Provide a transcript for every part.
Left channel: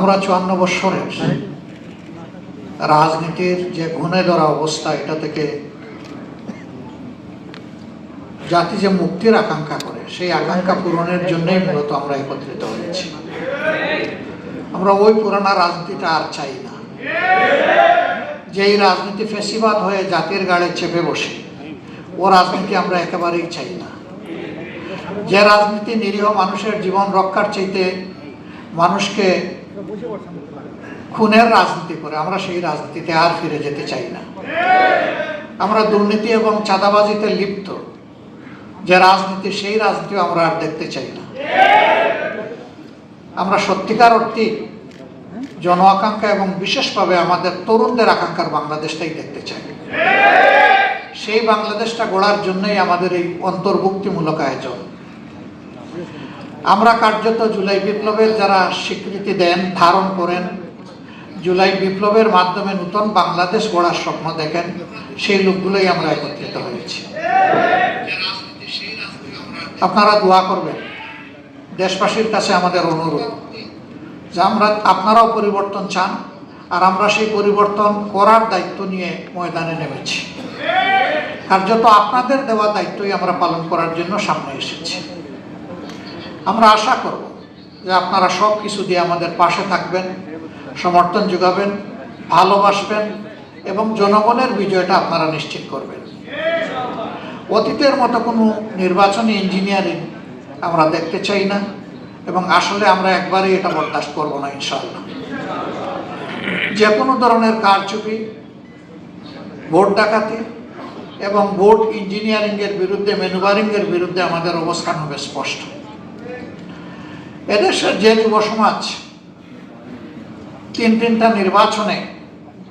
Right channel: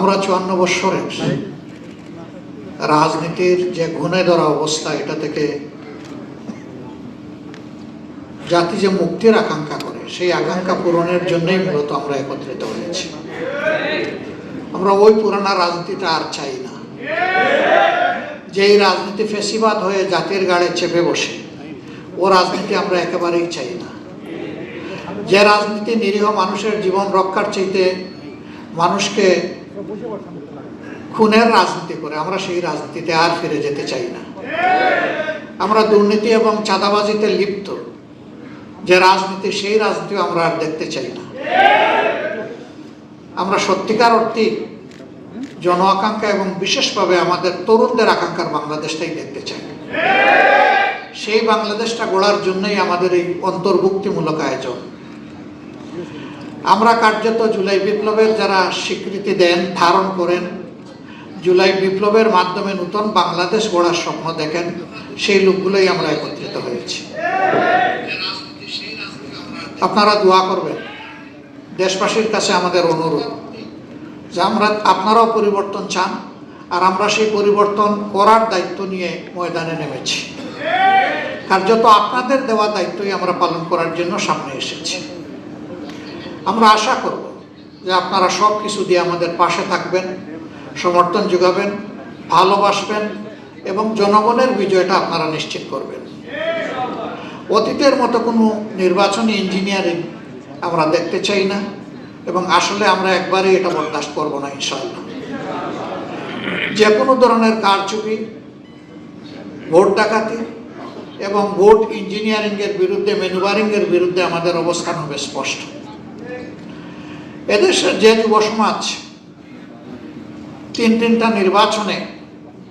আমরা চুয়ান্ন বৎসরে রাজনীতির যে ঘুণে ধরা অবস্থা, এটা থেকে জাতি যে মুক্তির আকাঙ্ক্ষা করে, সেই আকাঙ্ক্ষা পূরণের জন্যই মূলত আমরা একত্রিত হয়েছি। আমরা ওই পুরানা রাজনীতিটা আর চাই না। যেই রাজনীতি ফেসিবাদ হয়ে জাতির গাড়ে চেপে বসে, ও রাজনীতি আমরা একেবারেই চাই না। যে রাজনীতি নিরীহ মানুষের জীবন রক্ষার চাইতে মানুষকে খুনের রাজনীতি করে, আমরা সেই রাজনীতিতে আর ফিরে যেতে চাই না। আমরা দুর্নীতি এবং চাঁদাবাজিতে লিপ্ত। যে রাজনীতি, সেই রাজনীতি আমরা আর দেখতে চাই না। আমরা সত্যিকার অর্থে জন আকাঙ্ক্ষা এবং বিশেষভাবে আমাদের তরুণদের আকাঙ্ক্ষার বাংলাদেশটাই দেখতে চাই। সেই বাংলাদেশটা গড়ার জন্যই আমাদের এই অন্তর্ভুক্তিমূলক আয়োজন। আমরা কার্যত জুলাই বিপ্লবের যারা স্বীকৃতি দেন, ধারণ করেন, জুলাই বিপ্লবের মাধ্যমে নতুন বাংলাদেশ গড়ার স্বপ্ন দেখেন, সেই লোকগুলোই আমরা একত্রিত হয়েছি। আপনারা দোয়া করবেন। দেশবাসীর কাছে আমাদের অনুরোধ যে আমরা, আপনারাও পরিবর্তন চান, আর আমরা সেই পরিবর্তন করার দায়িত্ব নিয়ে ময়দানে নেমেছি। কার্যত আপনাদের দেওয়া দায়িত্বই আমরা পালন করার জন্য সামনে এসেছি। আমরা আশা করব যে আপনারা সব কিছু দিয়ে আমাদের পাশে থাকবেন, সমর্থন যোগাবেন, ভালোবাসবেন এবং জনগণের বিজয়টা আপনারা নিশ্চিত করবেন। অতীতের মতো কোনো নির্বাচনী ইঞ্জিনিয়ারিং আমরা দেখতে চাই না এবং আসলে আমরা একবারেই এটা বরদাস্ত করব না ইনশাল্লাহ যে কোনো ধরনের কারচুপি, ভোট ডাকাতি এবং ভোট ইঞ্জিনিয়ারিংয়ের বিরুদ্ধে ম্যানুভারিং এর বিরুদ্ধে আমাদের অবস্থান হবে স্পষ্ট। এদেশের যে যুব তিন তিনটা নির্বাচনে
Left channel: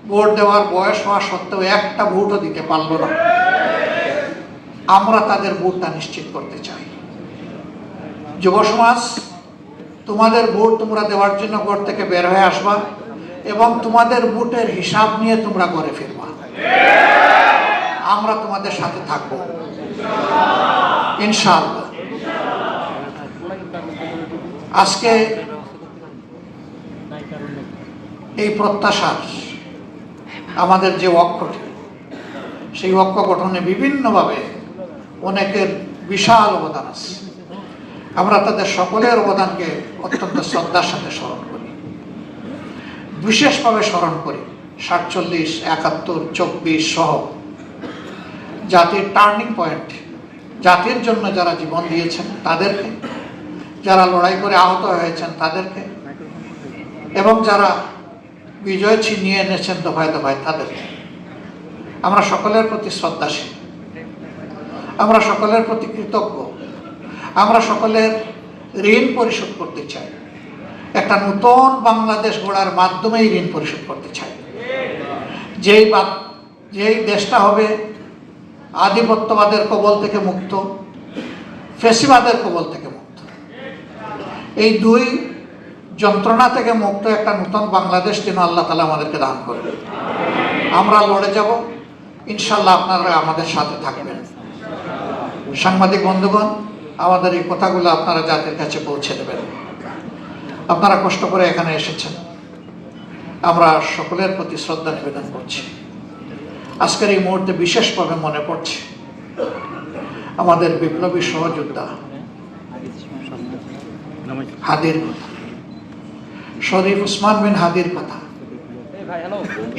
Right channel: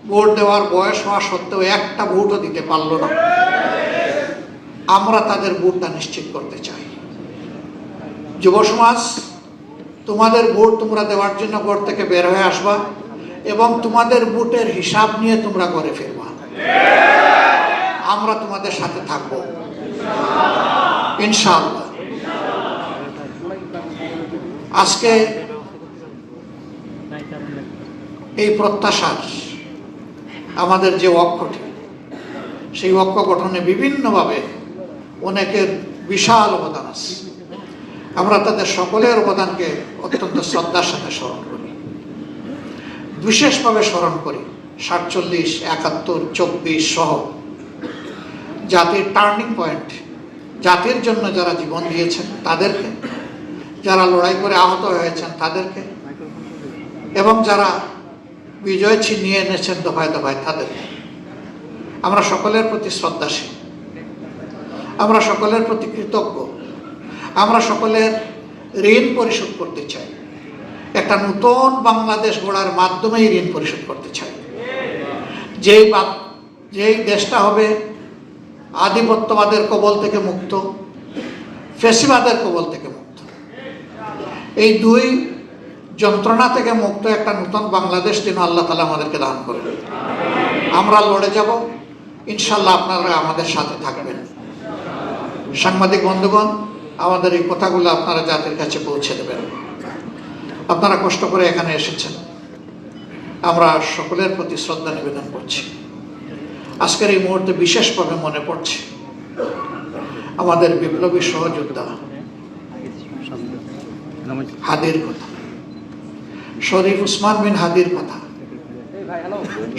ভোট দেওয়ার বয়স হওয়া সত্ত্বেও একটা ভোটও দিতে পারল না। আমরা তাদের ভোটটা নিশ্চিত করতে চাই। যুব সমাজ তোমাদের ভোট তোমরা দেওয়ার জন্য ভোট থেকে বের হয়ে আসবা এবং তোমাদের ভোটের হিসাব নিয়ে তোমরা করে ফিরবা। আমরা তোমাদের সাথে থাকব। ইনশাআল্লাহ। আজকে এই প্রত্যাশার আমাদের যে অক্ষটি সেই অক্ষ গঠনে বিভিন্নভাবে অনেকের বিশাল অবদান আছে। আমরা তাদের সকলের অবদানকে অত্যন্ত শ্রদ্ধার সাথে স্মরণ করি। বিশেষভাবে স্মরণ করি সাতচল্লিশ, একাত্তর, চব্বিশ সহ জাতির টার্নিং পয়েন্ট, জাতির জন্য যারা জীবন দিয়েছেন তাদেরকে। যারা লড়াই করে আহত হয়েছেন তাদেরকে। এবং যারা বিজয় ছিনিয়ে এনেছেন দফায় দফায় তাদেরকে। আমরা সকলের প্রতি শ্রদ্ধাশীল। আমরা সকলের প্রতি কৃতজ্ঞ। আমরা সকলের ঋণ পরিশোধ করতে চাই। একটা নতুন বাংলাদেশ গড়ার মাধ্যমেই ঋণ পরিশোধ করতে চাই। যেই যেই দেশটা হবে আধিপত্যবাদের কবল থেকে মুক্ত, ফেসিবাদের কবল থেকে এই দুই যন্ত্রণা থেকে মুক্ত একটা নতুন বাংলাদেশ যেন আল্লাহ তালা আমাদেরকে দান করবে আমরা লড়ে যাব ইনশাল্লাহ আপনারা আমাদের সাথে থাকবেন। সাংবাদিক বন্ধুগণ, আমাদের এই কথাগুলো আপনারা জাতির কাছে পৌঁছে দেবেন। আপনারা কষ্ট করে এখানে এসেছেন। আমরা সকলের প্রতি শ্রদ্ধা নিবেদন করছি। আজকের এই মুহূর্তে বিশেষভাবে মনে পড়ছে আমাদের বিপ্লবী সহযোদ্ধা হাদির শরীফ উসমান বিন হাদির কথা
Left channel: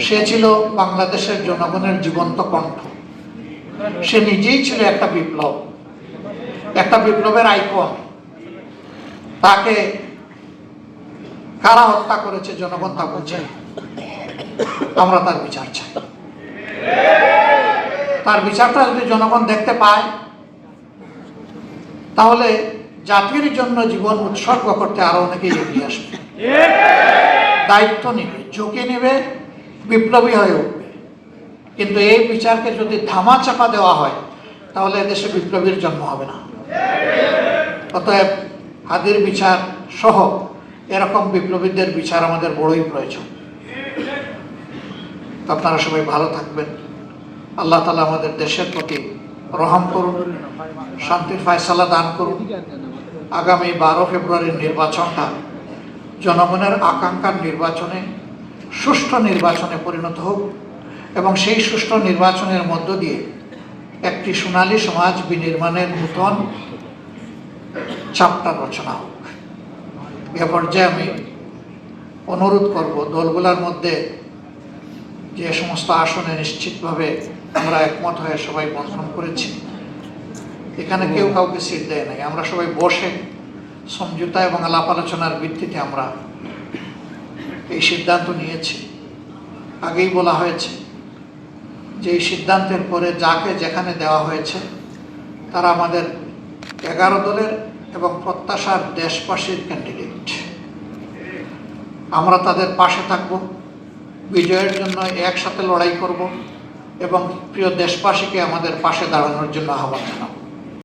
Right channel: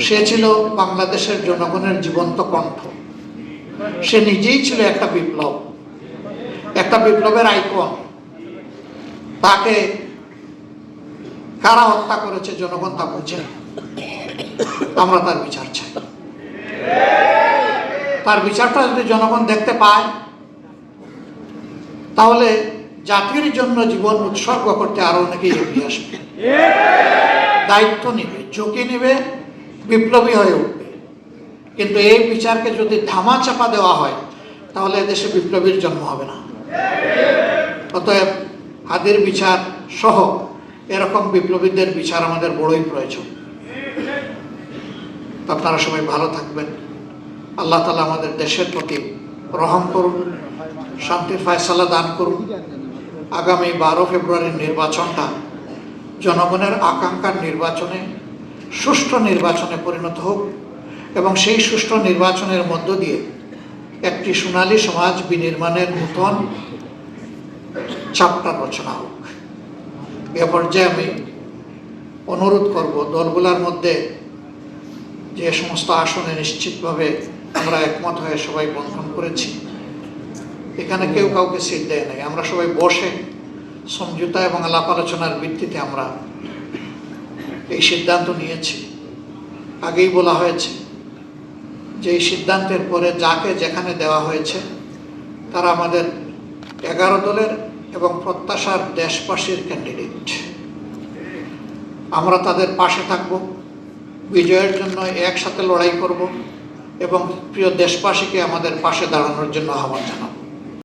সে ছিল বাংলাদেশের জনগণের জীবন্ত কণ্ঠ। সে নিজেই ছিল একটা বিপ্লব। একটা বিপ্লবের আইকন। তাকে কারা হত্যা করেছে, জনগণ তা বলছে আমরা তার বিচার তার বিচারটা যদি জনগণ দেখতে পায়, তাহলে জাতির জন্য জীবন উৎসর্গ করতে আরও অনেকে এগিয়ে আসবে। দায়িত্ব নেবে, ঝুঁকি নেবে, বিপ্লবী হয়ে উঠবে। কিন্তু এই বিচারকে যদি ধামা চাপা দেওয়া হয়, তাহলে দেশে বিপ্লবীর জন্ম হবে না। অতএব হাদের বিচার সহ এরকম বিপ্লবীদের বিচার আমাদের বড়ই প্রয়োজন। আপনারা সবাই ভালো থাকবেন। আল্লাহ তালা আমাদের দেশের প্রতি রহম করুন, শান্তির ফয়সালা দান করুন। আগামী বারো ফেব্রুয়ারির নির্বাচনটা জনগণের আকাঙ্ক্ষার নির্বাচনে, সুষ্ঠু নির্বাচনে পরিণত হোক এবং সেই সুষ্ঠু নির্বাচনের মধ্য দিয়ে একটি সোনালী সমাজ বিনির্মাণের নূতন চাপটা রচনা হোক। এ পর্যায়ে আমি অনুরোধ করব দলগুলোর মধ্যে যে সমস্ত আসনে নিশ্চিতভাবে আমরা একমত হয়ে সবাই বন্ধন করেছি এখানে কেউ কাউকে সিট দেয় নাই। আমরা সবাই বসে সমঝোতা এবং আলাপ আলোচনার ভিত্তিতে আমরা এই সিদ্ধান্ত নিয়েছি। আগেই বলা হয়েছে যে এই সিদ্ধান্তের পরে যাকে যেখানে দেওয়া হয়েছে, তারা আমাদের এগারো দলের এবং প্রত্যাশার দেশবাসীর ক্যান্ডিডেট আমরা তাদের পাশে থাকব, বিজয়ের জন্য একসাথে লড়াই করব এবং প্রিয় দেশবাসীকে আমাদের পাশে দাঁড়ানোর জন্য আহ্বান জানাব।